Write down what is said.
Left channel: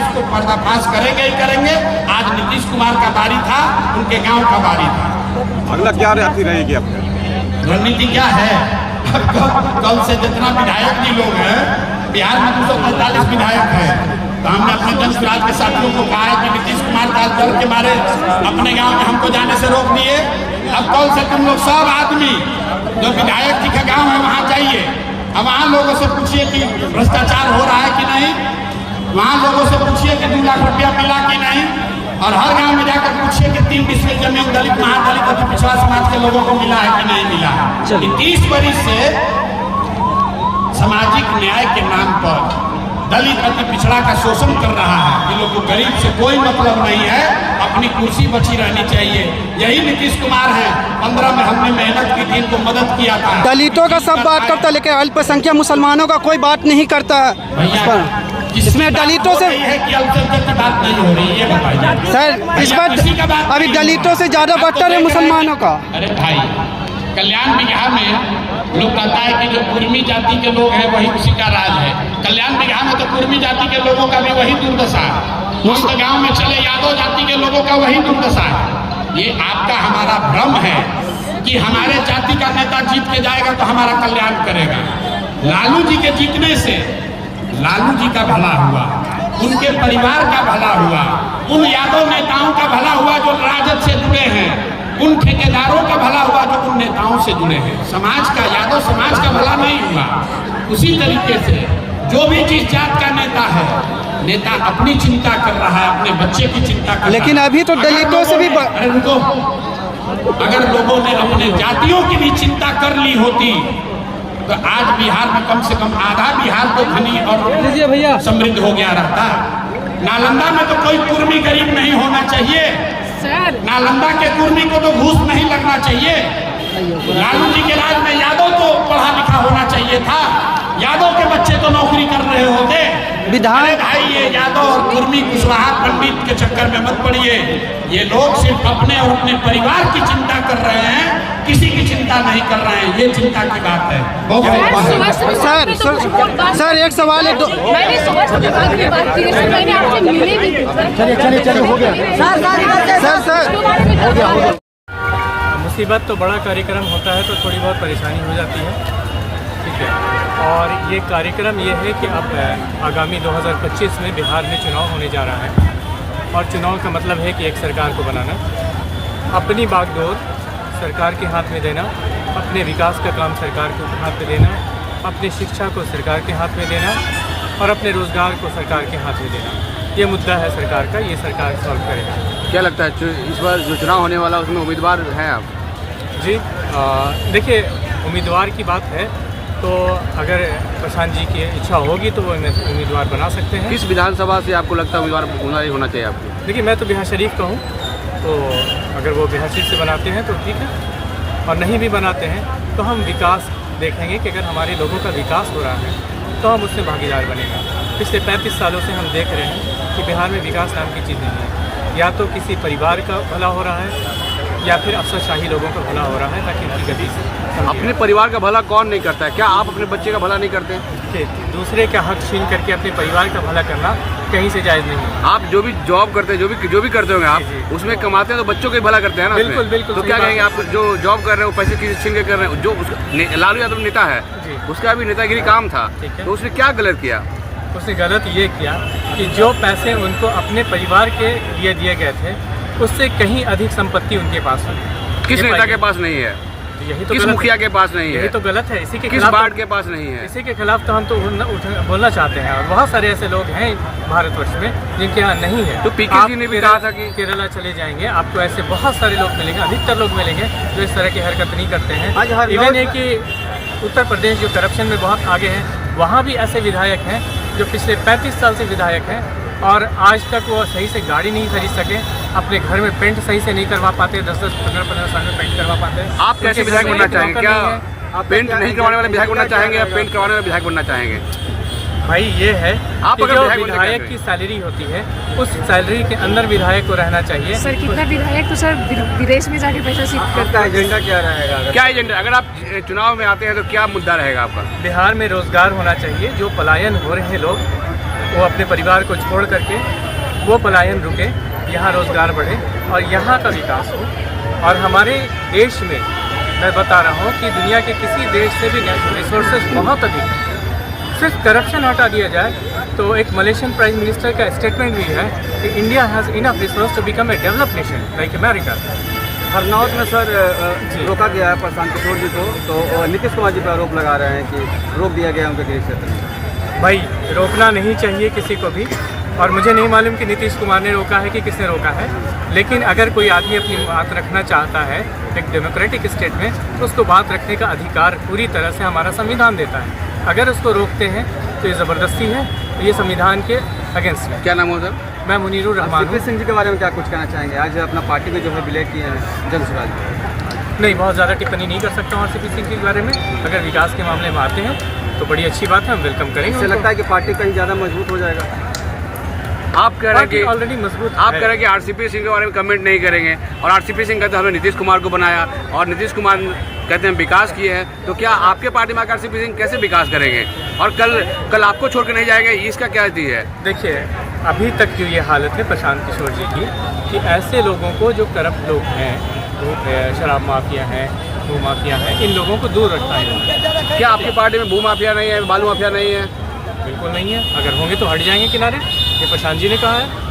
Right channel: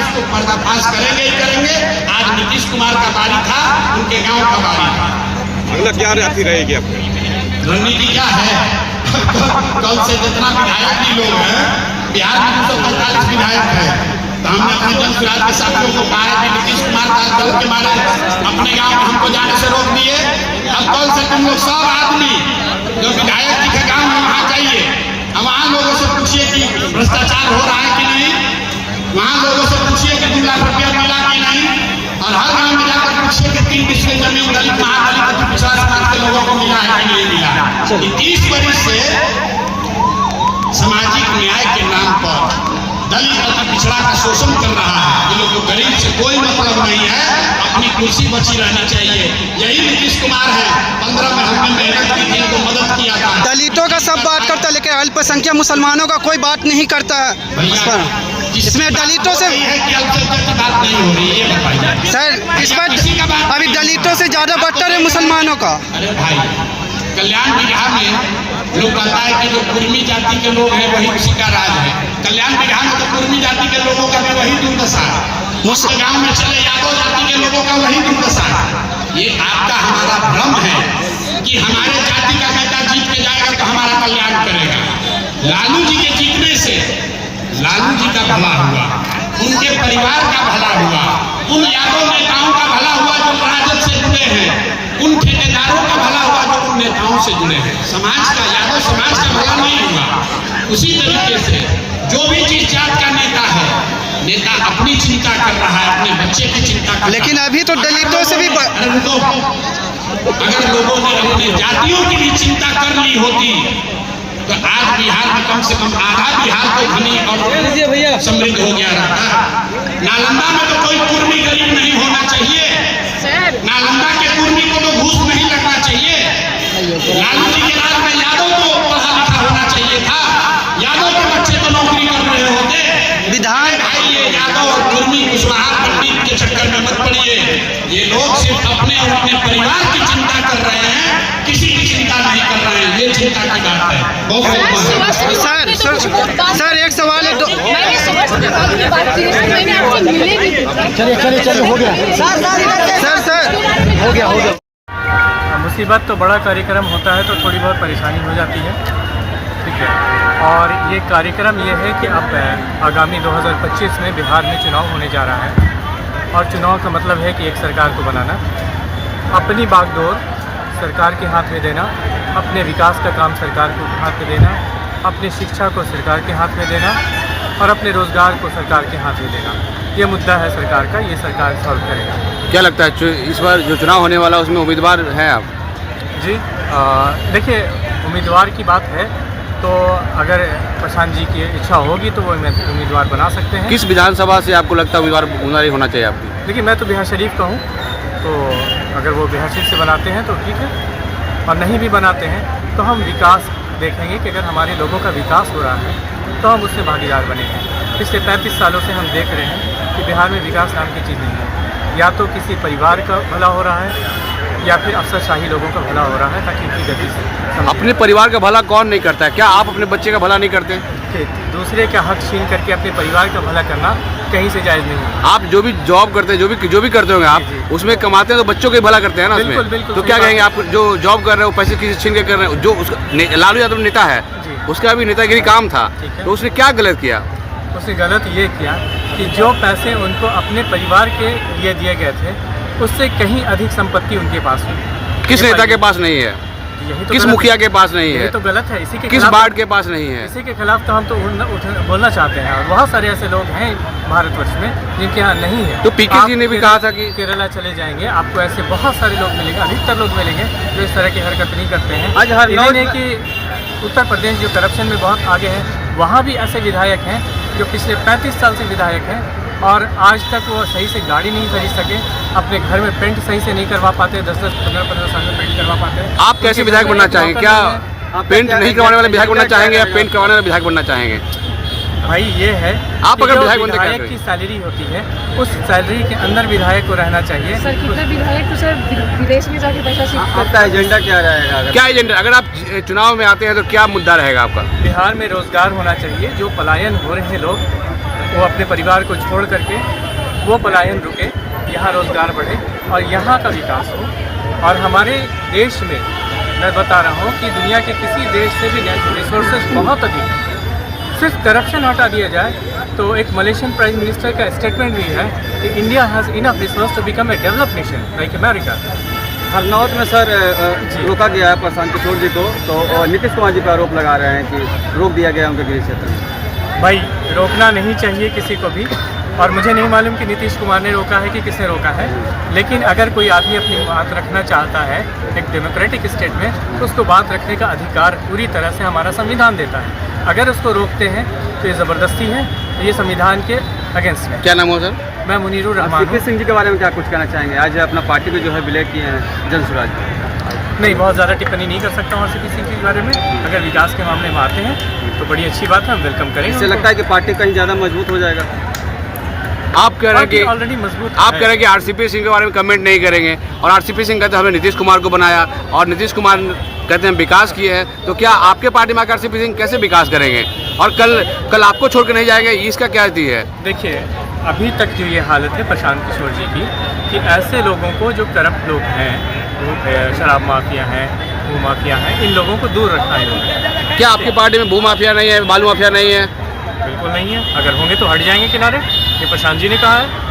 उसको पर्दाफाश करेंगे ही करेंगे। आज नीतीश कुमार का बारी था, उनके गांव का बारी था। अगला क्या रणनीति रहेगी आपकी? रणनीति क्या है? कल से जितना विधायक भी लोग हैं, बिहार में 245 विधायक हैं, तो हमने अपने जन सुराज के साथियों को कहा है कि नीतीश कुमार दल के मारे अपने गांव में हमको जाने से रोक दिए। अब कल से तुम लोग सब आदमी जो विधायक जी का गांव है वहाँ जाइए, अब वहाँ लोगों से पूछिए कि भ्रष्टाचार हो रहा है कि नहीं, वहाँ लोगों से पूछिए कि 2 लाख रुपया मिला कि नहीं, और हर गांव में जाकर पूछिए कि 3 डिस्ट्रिक्ट में दलित महादलित अति पिछड़ा समाज के लोगों को मिला है कि नहीं मिला। 30 वर्ष से सामाजिक न्याय के नाम पर दलित अति पिछड़ा का शोषण कर रहा है। ये लोग को गरीब से कोई मतलब नहीं है, अपनी कुर्सी बची रहनी चाहिए। यही नीतीश कुमार है। 15 में हमने मेहनत की थी, इनको मदद किया था। दलितों का सब बात करता है, लेकिन अल्पसंख्यक मुसलमानों का कोई बात नहीं करता है। इसमें दलितों से बात नहीं हो रही है, बताइए सर। इस बार अभी दलितों से ज्यादा बदतर है मुसलमानों का। अरे भाई, कल्याण बिगहा में लोग कहता है कि जो कुर्मी जाति के लोग हैं वही उसी का राज है। कल्याण बिगहा में तो कुर्मी जाति के लोगों का भी वही दुर्दशा है। उसके गांव में चले यादव जाति के लोगों का वही दुर्दशा है। ये आपका हमारा भ्रम है कि हमारे जाति का नेता जीत के जाएगा तो हमारा कल्याण करेगा। लालू जी के जीतने से लालू जी का भला हुआ, उनके परिवार का भला हुआ, उन यादव नेताओं का भला हुआ जो राजद से जुड़े हैं, उन ठेकेदारों का भला हुआ जो उन नेताओं से जुड़े हैं। समाज का, यादव समाज का भला नहीं हुआ। उसी तरीके से जो भी जिस जात का नेता है, नेता अपनी चिंता कर रहा है, अपने बच्चे की चिंता कर लेकिन रहा है। अभी तो दलितों से भी अगर लोगों ने अपने जातियों की भी चिंता कर ली होती तो आज बिहार में कम से कम आधा बिहार तो धनी और समृद्ध हो गया रहता। नालंदा में तो कोई कुर्मी गरीब नहीं होना चाहिए। नालंदा के कुर्मी को तो घूस नहीं लगना चाहिए। लालू जी के राज में यादव तो पढ़ा लिखा होना चाहिए था, यादव के बच्चे तो नौकरी कर रहे होते। विधायक भाई, ये यादव और कुर्मी कुशवाहा पंडित के चक्कर में मत पड़िए। ये लोग सिर्फ अपने और अपने परिवार की चिंता कर रहे हैं, किसी की चिंता नहीं कर रहे हैं। ये चिंता की बात है। सर एक सवाल है। मैंने सुबह से बात की, मैंने आपसे मिले भी थे। सर हो गया। मुसीबत तो बड़ा कार्यक्रम होता है तो थोड़ी बहुत परेशानी हो जाती है, ठीक है। और ये कार्यक्रम ये है कि अब आगामी 2025 में बिहार में चुनाव होने जा रहा है, और चुनाव का मतलब है कि एक सरकार को बनाना, अपनी बागडोर सरकार के हाथ में देना, अपने विकास का काम सरकार को हाथ में देना, अपनी शिक्षा को सरकार के हाथ में देना, और अपने रोज़गार को सरकार के हाथ में देना। ये मुद्दा है सरकार का, ये सरकार सॉल्व करेगा। क्या लगता है इस बार जो चुनाव होने वाला है उसमें उम्मीदवार हैं आप? जी देखिए, उम्मीदवार की बात है तो अगर प्रशांत जी की इच्छा होगी तो वो उम्मीदवार बना सकते हैं। किस विधानसभा से आपको लगता है उम्मीदवार होना चाहिए आपको? देखिए, मैं तो बिहार शरीफ का हूँ, तो अगर वो बिहार शरीफ से बनाते हैं तो ठीक है, और नहीं भी बनाते हैं तो हम विकास देखेंगे कि अगर हमारे लोगों का विकास हो रहा है तो हम उससे भागीदार बनेंगे। पिछले 35 सालों से हम देख रहे हैं कि बिहार में विकास नाम की चीज़ नहीं है। या तो किसी परिवार का भला हो रहा है या फिर अफसरशाही लोगों का भला हो रहा है ताकि उनकी गति से अपने परिवार का भला कौन नहीं करता है? क्या आप अपने बच्चे का भला नहीं करते हैं? दूसरे का हक छीन करके अपने परिवार का भला करना कहीं से जायज़ नहीं है। आप जो भी जॉब करते हैं, जो भी करते होंगे आप, उसमें कमाते हैं तो बच्चों के भला करते हैं ना? बिल्कुल बिल्कुल। तो क्या कहेंगे आप जो जॉब कर रहे हो, पैसे किसी छीन के कर रहे हो? जो लालू यादव नेता है, उसका भी नेतागिरी काम था, तो उसने क्या गलत किया? उसने गलत ये किया कि जो पैसे उनको अपने परिवार के लिए दिए गए थे उससे कहीं अधिक संपत्ति उनके पास है। किस नेता के पास नहीं है? यही तो किस मुखिया के पास नहीं है? यही तो गलत है। इसी के किस खिलाफ वार्ड के पास नहीं है? इसी के खिलाफ तो हम तो बोलना चाहते हैं, और बहुत सारे ऐसे लोग हैं भारतवर्ष में जिनके यहाँ नहीं है। तो पीके जी ने भी कहा था कि केरला चले जाएंगे, आपको ऐसे बहुत सारे लोग मिलेंगे, अधिकतर लोग मिलेंगे जो इस तरह की हरकत नहीं करते हैं। इवन है कि उत्तर प्रदेश जो करप्शन में बहुत आगे है, वहाँ भी ऐसे विधायक हैं जो पिछले 35 साल से विधायक हैं और आज तक वो सही से गाड़ी नहीं खरीद सके, अपने घर में पेंट सही से नहीं करवा पाते, 10-10, 15-15 साल में पेंट करवा पाते हैं। आप कैसे विधायक बनना चाहेंगे? क्या पेंट नहीं करवाने वाले विधायक बनना चाहेंगे या पेंट करवाने वाले विधायक बनना चाहेंगे? भाई ये है आप कि अगर जो विधायक की सैलरी होती है उस सैलरी के अंदर विधायक को रहना चाहिए। सर कितना विधायक तो सर विदेश में जाके पैसा सीख करता है। एजेंडा क्या रहेगा? क्या एजेंडा? अगर आप चुनाव में आते हैं तो क्या मुद्दा रहेगा आपका? बिहार में रोजगार होना चाहिए। जो पलायन हो रहे हैं लोग वो अपने परिवार को छोड़ करके वो पलायन रुके, यहाँ रोज़गार बढ़े और यहाँ का विकास हो। और हमारे देश में मैं बता रहा हूँ कि दुनिया के किसी देश से भी नेचुरल रिसोर्सेज बहुत अधिक हैं। सिर्फ करप्शन हटा दिया जाए तो एक मलेशियन प्राइम मिनिस्टर का स्टेटमेंट भी है कि India has enough resource to become a developed nation like America. Harnaut में सर रोका गया है प्रशांत किशोर जी को, तो नीतीश कुमार जी पर आरोप लगा रहे हैं कि रोक दिया गया उनके गृह क्षेत्र में। भाई रोकना नहीं चाहिए किसी को भी, और मुझे नहीं मालूम कि नीतीश कुमार ने रोका है कि किसने रोका है, लेकिन अगर कोई आदमी अपनी बात रखना चाहता है एक डेमोक्रेटिक स्टेट में तो उसको बात रखने का अधिकार पूरी तरह से हमारा संविधान देता है। अगर उसको रोकते हैं तो ये ज़बरदस्ती है, तो ये संविधान के अगेंस्ट है। क्या नाम हो सर? मैं मुनीरुर रहमान हूँ। सीपी सिंह जी के बारे में क्या कुछ कहना चाहेंगे? आज अपना पार्टी में जो है विलय किए हैं जनसुराज। नहीं, बहुत ज़्यादा टिप्पणी नहीं कर सकता हूँ आरसीपी सिंह के बारे में। अगर विकास के मामले में आते हैं तो बड़ी अच्छी बात है, हम वेलकम करेंगे। इससे लगता है कि पार्टी कहीं ज़्यादा मजबूत हो जाएगा। आप कह रहे हैं कि ऑलरेडी मजबूत आप कह रहे हैं कि आरसीपी सिंह के बारे में कमेंट नहीं करेंगे, और आरसीपी सिंह कहते हैं हमने नीतीश कुमार को बनाया और नीतीश कुमार कहते हैं विकास किए हैं, तो क्या आपके पार्टी में आरसीपी सिंह कैसे विकास करेंगे? और कल आपको छोड़ कर नहीं जाएगा, इसका क्या स्थिति है? देखिए, अभी तक जो ये हालत है प्रशांत किशोर जी की कि ऐसे लोगों को जो करप्ट लोग हैं, शराब माफिया हैं, भू माफिया हैं, इन लोगों को दूर रखा है इन्होंने। क्या आपकी पार्टी में भू माफिया नहीं है, बालू माफिया नहीं है? बिल्कुल नहीं है। अगर होंगे तो हट जाएंगे किनारे, ये प्रशांत जी ने कहा है।